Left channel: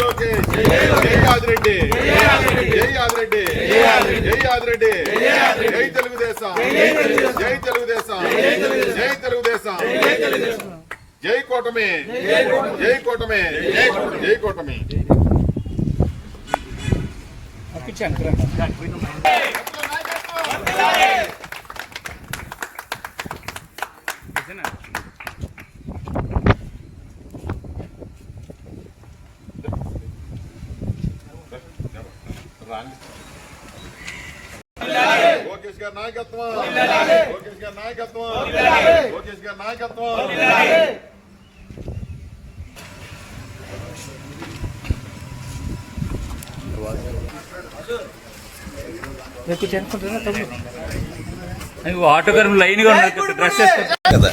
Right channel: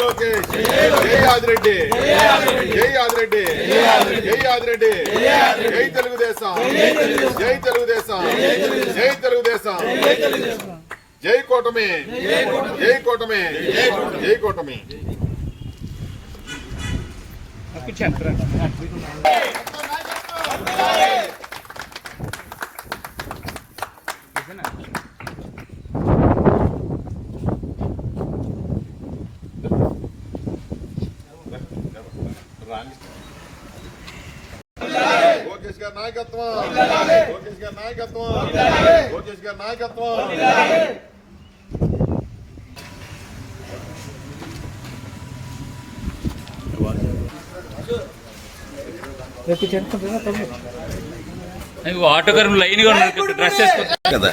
లోకేష్, జై ఆదిరెడ్డి, జై ఆదిరెడ్డి, జై ఆదిరెడ్డి, జై తెలుగుదేశం, జై తెలుగుదేశం, జై తెలుగుదేశం, జై కూటమి, జై కూటమి, జై కూటమి. లోకేష్ గారి నాయకత్వం, లోకేష్ గారి నాయకత్వం, లోకేష్ గారి నాయకత్వం. ఆటోగ్రాఫ్ లైన్ గా డ్రెస్ కదా.